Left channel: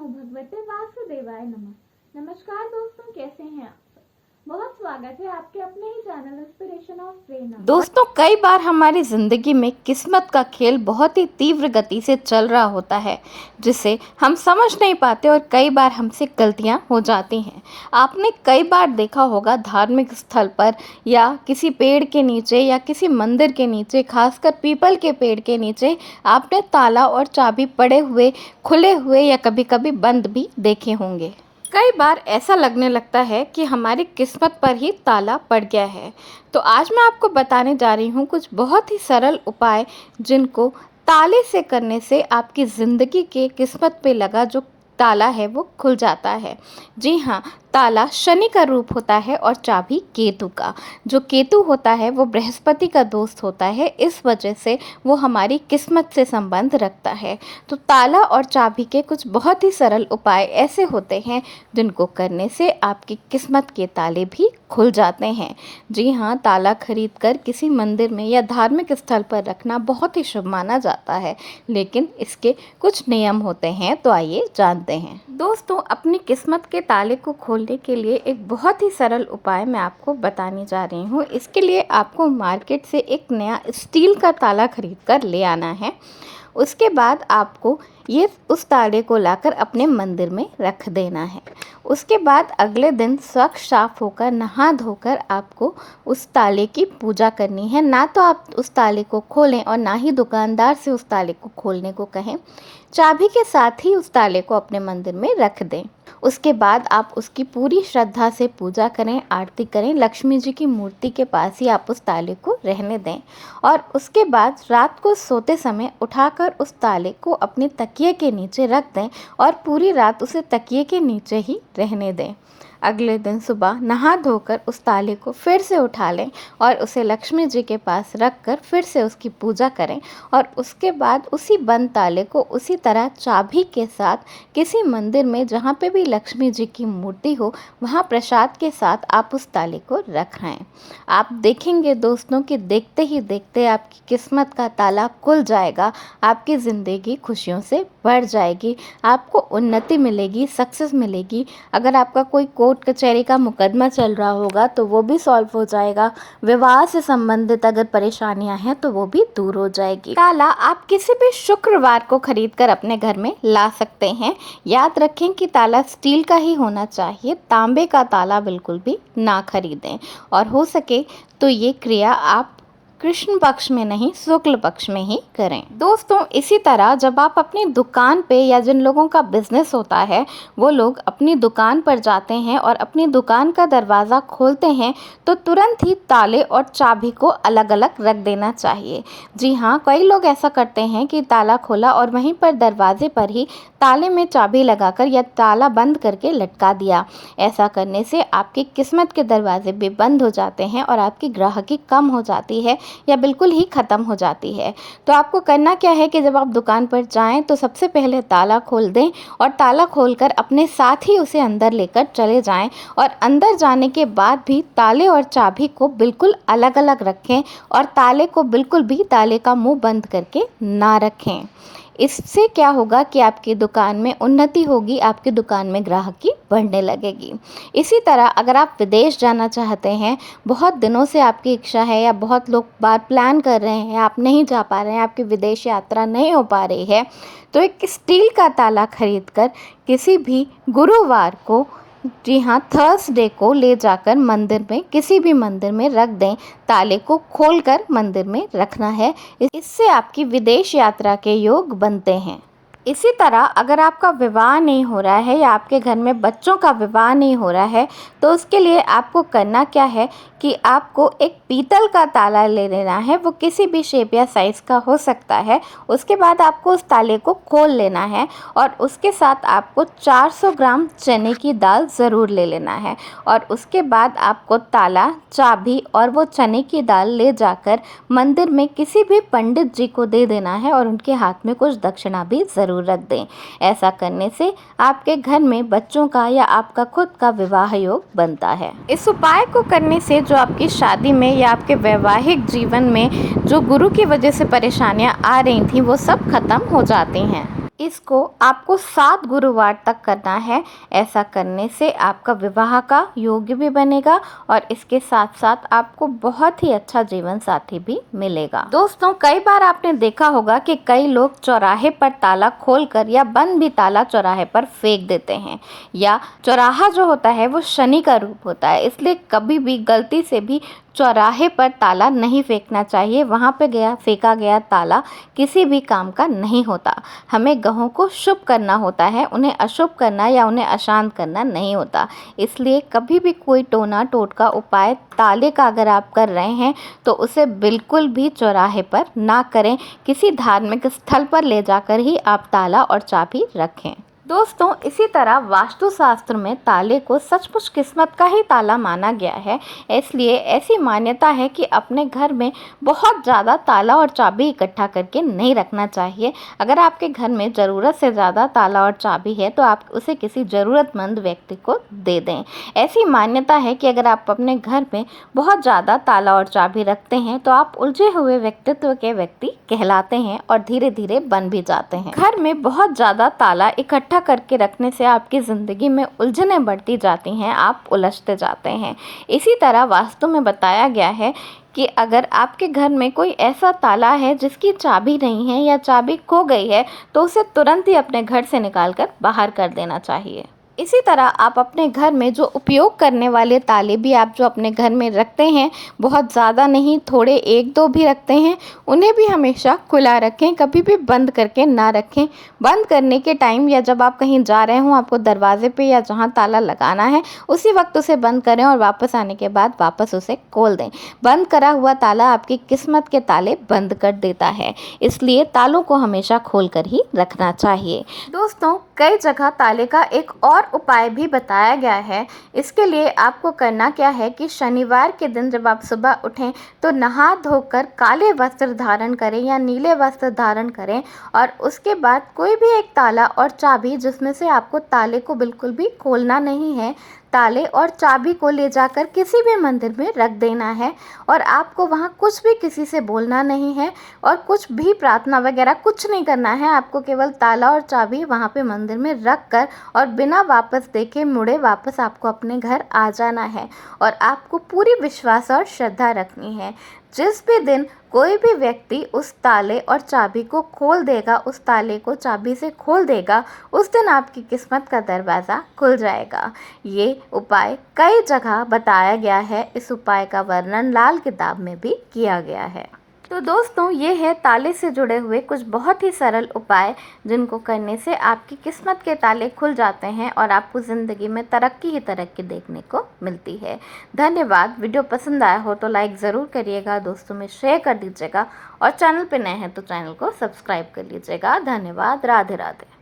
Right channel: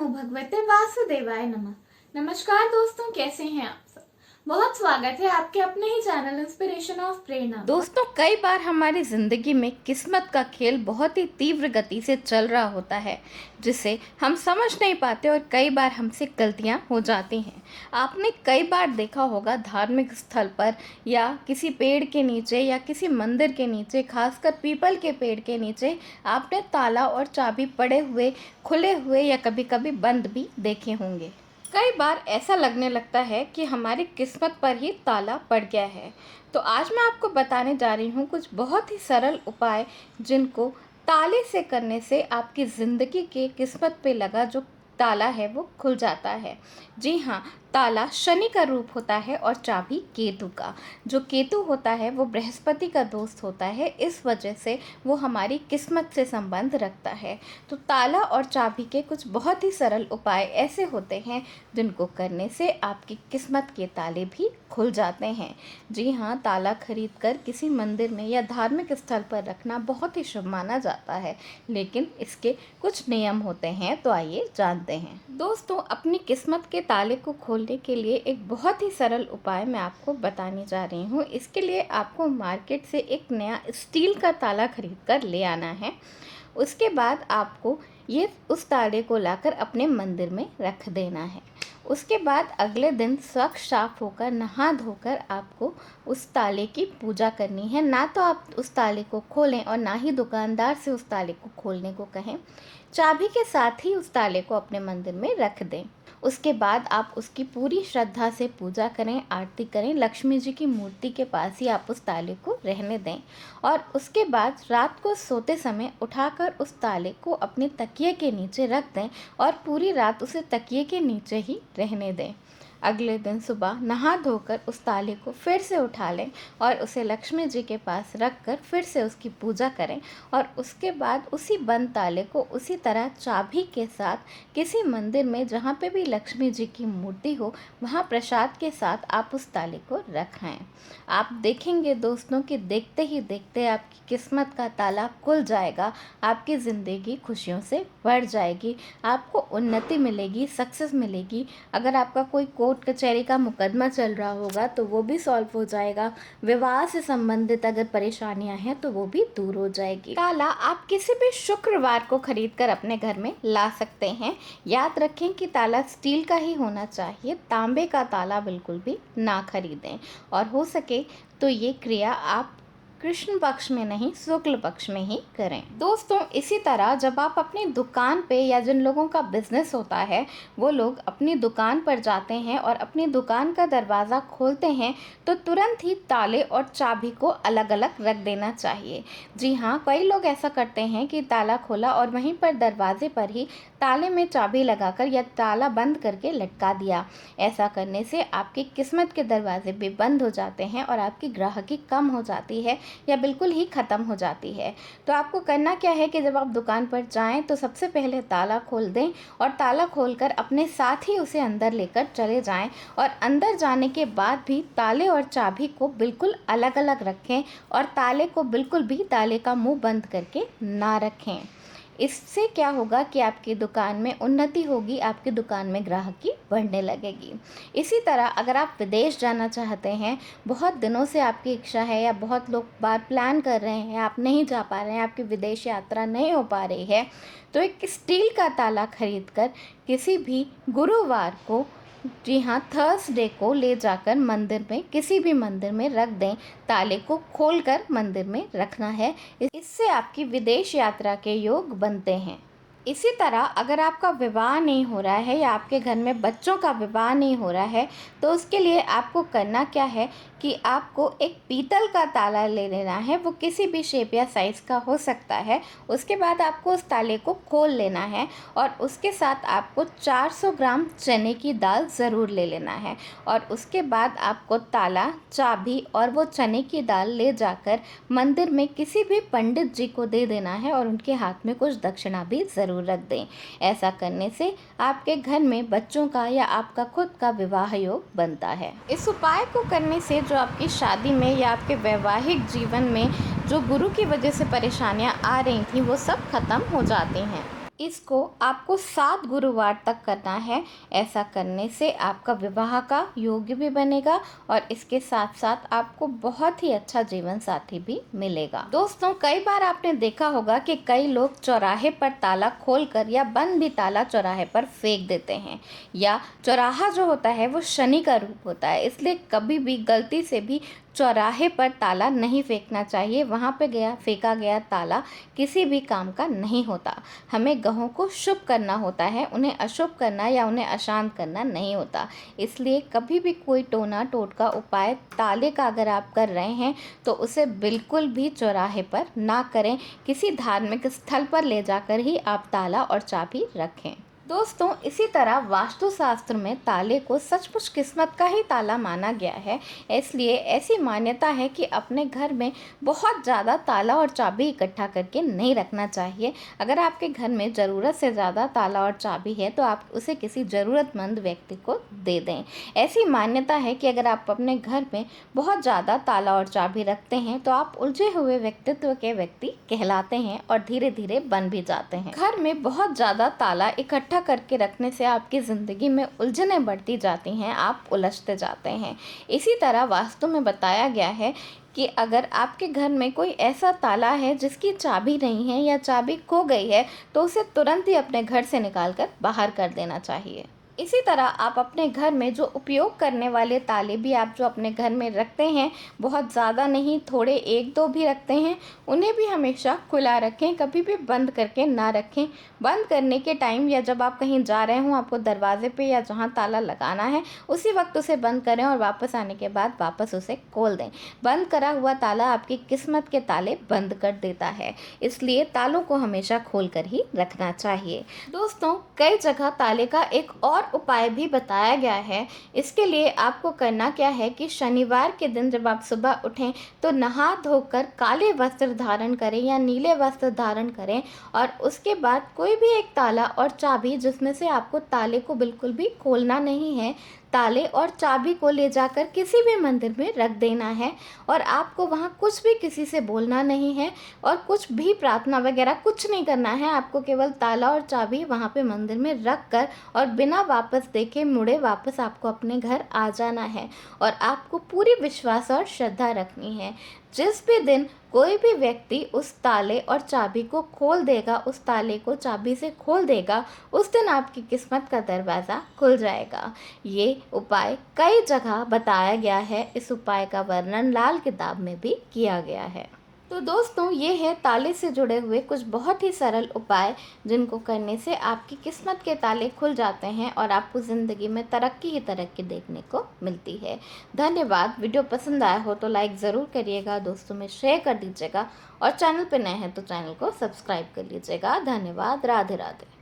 नमो भगवते वासुदेवाय नमः। नमस्कार दोस्तों, कैसे हैं आप सब। बहुत स्वागत है आपके अपने ही चैनल इंस्पिरेशन ऑफ प्रेरणा। दोस्तों, कई बार हमारी ज़िंदगी में किस्मत का खेल बहुत ही तीव्र गति से चल रहा होता है, जिसे हम समझ नहीं पाते और कई बार हमसे गलतियां हो जाती हैं। आपने कई बार देखा होगा धार्मिक स्थल पर या किसी पेड़ के नीचे या किसी मंदिर के नीचे, खासकर पीपल के पेड़ के नीचे, आपने ताला और चाबी पड़े हुए, खुले हुए या कभी कभी बंद भी देखे होंगे। कई बार ऐसा लगने लगता है कि हमारी किस्मत पर ही ताला पड़ गया है। तो आज मैं आपको बताने जा रही हूँ कुछ बहुत ही सरल उपाय, जिनको ताले से करने से आपकी ज़िंदगी के किस्मत पे लगा जो ताला है वो खुल जाता है। जी हाँ, ताला शनि का रूप होता है और चाबी केतु का। जो केतु होता है वो बृहस्पति का दोस्त होता है, इस वजह से वो हमारी किस्मत से संबंध रखता है। तो ताला और चाबी के कुछ बहुत ही सरल उपाय ऐसे होते हैं जिनको करने से आपकी किस्मत के ताले भी खुल जाते हैं। जी हाँ, ताला खरीद कर किसी मंदिर में या धार्मिक स्थल पर रखना बहुत ही शुभ माना जाता है, लेकिन इसके कुछ नियम होते हैं, तो आइए जानते हैं। दोस्तों, अपनी किस्मत के ताले को खोलने के लिए एक बहुत ही सरल उपाय मैं आपको बताने जा रही हूँ। इसके लिए आपको मार्केट से एक नया स्टील का ताला खरीद कर ले आना है। उसके बाद आपको ये उस ताले को लाकर अपने मंदिर में रख देना है। उसके बाद अगले दिन स्वच्छ साफ होकर नहा धोकर आपको उस ताले की पूजा करनी है। ना तो आप उस ताले को खोलें और ना ही दुकानदार से उस ताले को खोलने को कहें। चाबी के साथ ही उस ताले को अपने मंदिर में रख दें। उसके बाद आप उसकी पूरी श्रद्धा से पूजा करें, आरती करें। लक्ष्मी जी की मूर्ति के पास ही आप उस ताले को रहने दें और उसके बाद रात को सोते समय उठाकर उस ताले को अपने तकिए के नीचे रख दें और पूरी रात उसे तकिए के नीचे ही रहने दें। अगले दिन सुबह नहा धोकर उस ताले को फिर से उठा लें और उसे लक्ष्मी जी के पास रख कर फिर से उसकी पूजा करें और उसके बाद उसी बंद ताले को उसी तरह चाबी के साथ किसी मंदिर में जहाँ पे भी लक्ष्मी जी की मूर्ति हो, वहाँ प्रसाद के साथ आप उस ताले को रखें। आप देखेंगे दोस्तों कि देखते ही देखते आपकी किस्मत का ताला खुल जाएगा। आपकी ज़िंदगी खुशियों से भर जाएगी, आपको उन्नति मिलेगी, सक्सेस मिलेगी। अगर आपका कोई कोर्ट कचहरी का मुकदमा चल रहा होगा तो वो भी सॉल्व हो जाएगा। विवाह से संबंधित अगर परेशानियां हैं तो वो भी दूर हो जाएगी। ताला आप किसी भी शुक्रवार को खरीद कर अपने घर में ला सकते हैं। याद रखें कि ताला स्टील का ही होना चाहिए, तांबे का ताला बिल्कुल भी ना खरीदें और हो सके तो ये क्रिया आप कृष्ण पक्ष में नहीं, शुक्ल पक्ष में ही करें। दोस्तों, इसी तरह जब आप अपनी दुकान पे या जिन लोगों का बिजनेस होता है वो लोग अपनी दुकान पर जाते हैं और अपनी दुकान का दरवाज़ा खोलते हैं तो तुरंत ही ताले और चाबी को अलग अलग रख देना चाहिए। जी हाँ, कई लोग ऐसा करते हैं कि ताला खोला और वहीं पर दरवाजे पर ही ताले में चाबी लगाकर या ताला बंद करके लटका दिया। ऐसा करने से आपकी किस्मत के दरवाजे भी बंद हो जाते हैं और आपकी ग्राहकी कम हो जाती है या बिल्कुल ही ख़त्म हो जाती है। तो आपको करना क्या है कि जब आप दुकान पर जाएं तो सबसे पहले ताला खोल दें और ताला खोलकर अपने साथ ही उसे अंदर लेकर चले जाएं और अंदर जाने के बाद भी ताले और चाबी को बिल्कुल अलग अलग रखें और ताले को बिल्कुल भी ताले का मुंह बंद करके ना रखें। इससे क्या होगा कि आपकी दुकान में उन्नति होगी, आपकी दुकान में ग्राहकी बढ़ने लगेगी। इसी तरह अगर आप विदेश जाना चाहते हैं, बहुत दिनों से आपकी इच्छा है या बहुत लोग बार प्लान कर रहे हैं, आप नहीं जा पा रहे हैं, आपकी विदेश यात्रा नहीं हो पा रही है, तो एक स्टील का ताला खरीदकर किसी भी गुरुवार को, जी हाँ थर्सडे को ले जाकर मंदिर में, किसी भी मंदिर में रख दें। ताले को खोलकर मंदिर में रखना है। इससे आपकी विदेश यात्रा के योग बनते हैं। इसी तरह अगर आपका विवाह नहीं हो रहा है या आपके घर में बच्चों का विवाह नहीं हो रहा है तो उसके लिए आपको करना क्या है कि आपको एक पीतल का ताला ले लेना है। वो किसी भी शेप या साइज़ का हो सकता है। उसके बाद आपको उस ताले को खोल लेना है और उसके साथ आपको 400 ग्राम चने की दाल ज़रूर ले लेना है और उसके बाद आपको ताला, चाबी और वो चने की दाल ले जाकर मंदिर में किसी भी पंडित जी को दे देना है और उनके हाथ में कुछ दक्षिणा भी ज़रूर रख दें। ऐसा करने से आपके घर में बच्चों का या आपका खुद का विवाह योग बनता है। इस उपाय को करने से जो आपकी शादी में या आपके वैवाहिक जीवन में जो गुरु की वजह से परेशानियां आ रही थी वो सब खत्म हो जाती हैं। इसको आपको 7 गुरुवार तक करना है। ऐसा करने से आपका विवाह का योग्य भी बनेगा और इसके साथ साथ आपको बहुत ही अच्छा जीवन साथी भी मिलेगा। दोस्तों, कई बार आपने देखा होगा कि कई लोग चौराहे पर ताला खोलकर या बंद भी ताला चौराहे पर फेंक देते हैं, या चौराहा जो होता है वो शनि का रूप होता है, इसलिए कभी भी गलती से भी चौराहे पर ताला नहीं फेंकना चाहिए। वहाँ पे फेंका गया ताला किसी भी काम का नहीं होता। हमें ग्रहों को शुभ करना होता है, उन्हें अशुभ करना या उन्हें अशांत करना नहीं होता। इसलिए कभी भी कोई टोना टोटका उपाय ताले का अगर आप कर रहे हैं तो उसे बिल्कुल भी चौराहे पर ना करें। किसी धार्मिक स्थल पर ले जाकर ही आप ताला और चाबी रखें। दोस्तों, इसी तरह वास्तुशास्त्र में ताले को सचमुच किस्मत का ही ताला माना गया है। इसलिए ऐसी मान्यता है कि अपने घर में बहुत ज़्यादा ताला और चाबी इकट्ठा करके नहीं रखना चाहिए। अगर आपके घर में ज़रूरत से ज़्यादा ताला और चाबी है तो आप उसे किसी ज़रूरतमंद व्यक्ति को दे दें। ऐसी मान्यता है कि अगर आप अपने घर में बहुत ज़्यादा ताला और चाबी रखते हैं तो आप उलझे हुए व्यक्तित्व के व्यक्ति कहलाते हैं और धीरे धीरे बन भी जाते हैं। घर में बहुत ज़्यादा ताला इकट्ठा करके रखने से आपकी ज़िंदगी में उलझनें बढ़ती जाती हैं, आप उलझते जाते हैं। इसी तरह वास्तु में बताया गया है कि अगर आपके घर में कोई ऐसा ताला है जिसकी चाबी नहीं है या चाबी खो गई है तो उसे तुरंत ही अपने घर से निकालकर बाहर कर देना चाहिए। इसी तरह आप अपने घर में जो उपयोग करने वाले ताले भी आप जो अपने घर में रखते हैं, बहुत ज़्यादा नहीं, थोड़े 1-2 भी रखते हैं, उन्हें भी हमेशा खुला रखें, कभी भी बंद करके ना रखें। बंद करने के टाइम या जब आप कहीं जा रहे हों, आपको दरवाजे पे या जहाँ ताला लगाना है उसी वक्त उसे बंद करें और वापस आने के बाद वापस उसे खोल दें। बंद करा हुआ ताला आपकी किस्मत के ताले बंद कर देता है, इसलिए तालों को हमेशा खोल कर ही रखना चाहिए। दोस्तों, कई जगह ताले का एक और उपाय भी बताया गया है। इसके लिए आपको करना क्या है कि शनिवार के दिन जब आप सुबह उठें तो नहा धोकर काले वस्त्र धारण करें या नीले वस्त्र धारण करें और उसके बाद कोई भी एक ताला और चाबी, जिसमें से आपको ताले को बिल्कुल भी खोलना नहीं है, ताले और चाबी को ले जाकर किसी भी मंदिर में रख देना है और आपको वहाँ कुछ भी किसी से बोलना नहीं है और कुछ भी प्रार्थना वगैरह कुछ नहीं करना है। आपको केवल ताला और चाबी वहाँ पे मंदिर में रख कर और बिना वापस देखे मुड़े वापस आपको अपने घर आ जाना है और आपको पूरी विश्वास और श्रद्धा रखनी है। जिस भी दिन कोई भी व्यक्ति उस ताले और चाबी को खोल देगा, उस ताले को चाबी से खोल देगा, उस दिन आपकी किस्मत का दरवाज़ा खुल जाएगा। ये उपाय कई जगह बताया गया है। इस उपाय का वर्णन लाल किताब में भी किया गया है। तो दोस्तों, ये है ताले से जुड़े हुए कुछ बहुत ही सरल उपाय जिनको करने से आपकी किस्मत के ताले खुल जाते हैं और आपको ज़िंदगी में तरक्की ही तरक्की देखने को मिलती है। धन्यवाद। वीडियो पसंद आया हो तो लाइक ज़रूर करिएगा, दोस्तों में शेयर कर दीजिएगा और चैनल पे नए हैं तो चैनल को सब्सक्राइब कर लीजिएगा। धन्यवाद। राधे राधे।